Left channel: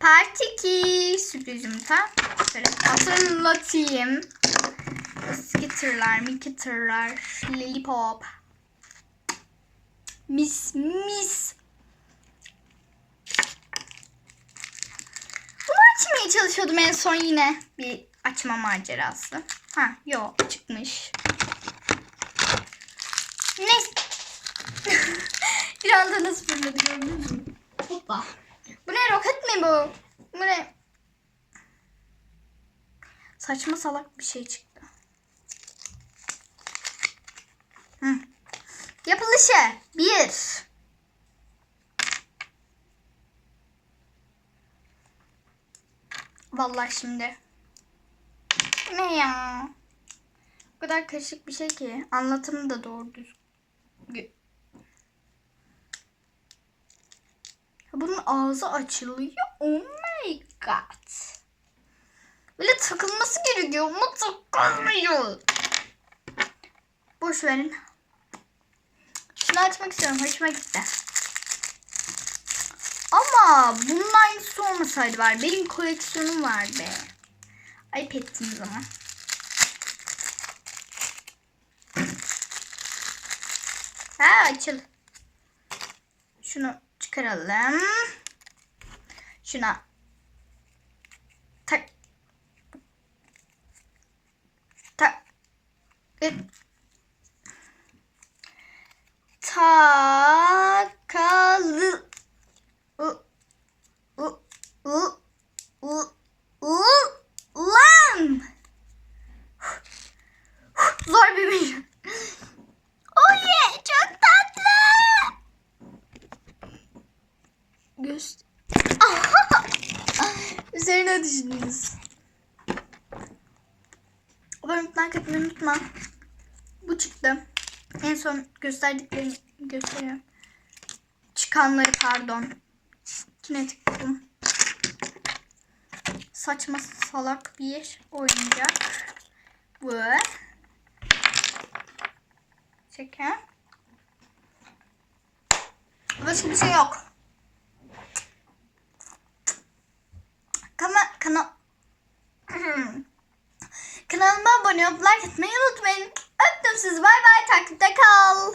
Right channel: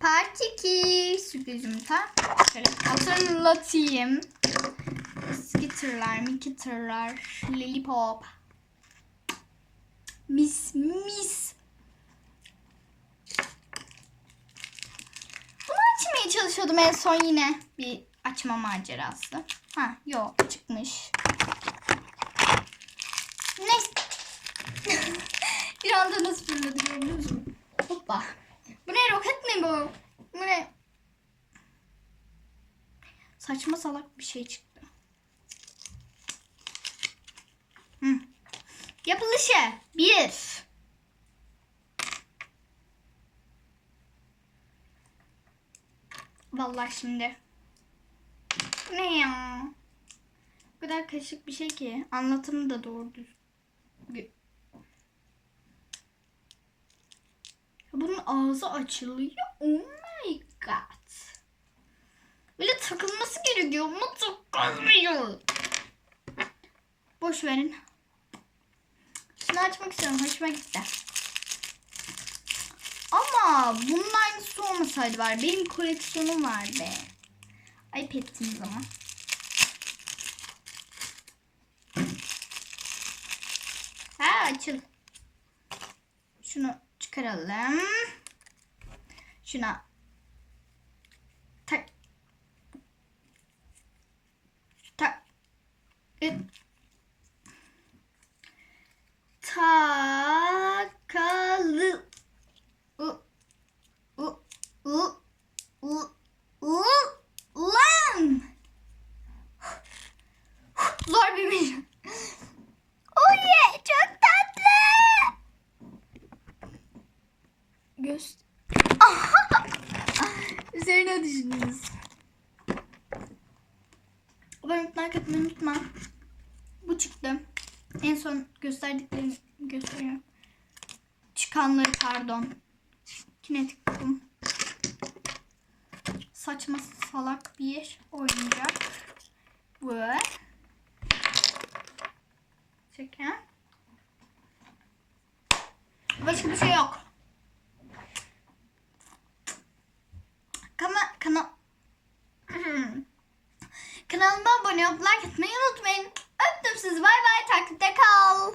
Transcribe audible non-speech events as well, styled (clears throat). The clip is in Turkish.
Part 2 sürpriz yumurta. Şöyle hatırlatayım. Eski tırlar, miki tırlar, lollipop. Mis mis. Bunu açmaya çalışıyordum en son yine. Bir açma macerası. Ha yok çıkmış. Ne? (laughs) bir anda nasıl fırladı gördünüz mü? Hoppa. Bu ne roket mi bu? Bu ne? Saçma salak bir şey çıktı. Hı. Yapılışı. Bir. Vallahi şimdi. Ne ya? O kadar karışık bir şey ki. Anlatımı da doğru düzgün. Bunun ağzı açılıyor. God. Böyle takılması gerekiyor ama takılmıyor. Boş verin. Şunu açmak istiyorum. Hoşuma gitti. Ama bunun aynısı olmasaydı var. Benim koleksiyonum var be. Ayıp ettiniz ama. Ha açıl. Şunu çıkaralım. Şuna Üzerine düşündünüz. Abone like atmayı unutma. Bu çıktı. En son gösterdiklerimi gösteriyorum. Çıkanları pardon. Kinetik kum. Saçma salak bir oyuncak. Bu. Çeken. Başka bir şey yok. Kana, kana, (clears throat) Kanalıma abone olup like atmayı unutmayın. Öptüm sizi. Bay bay. Takipte kal.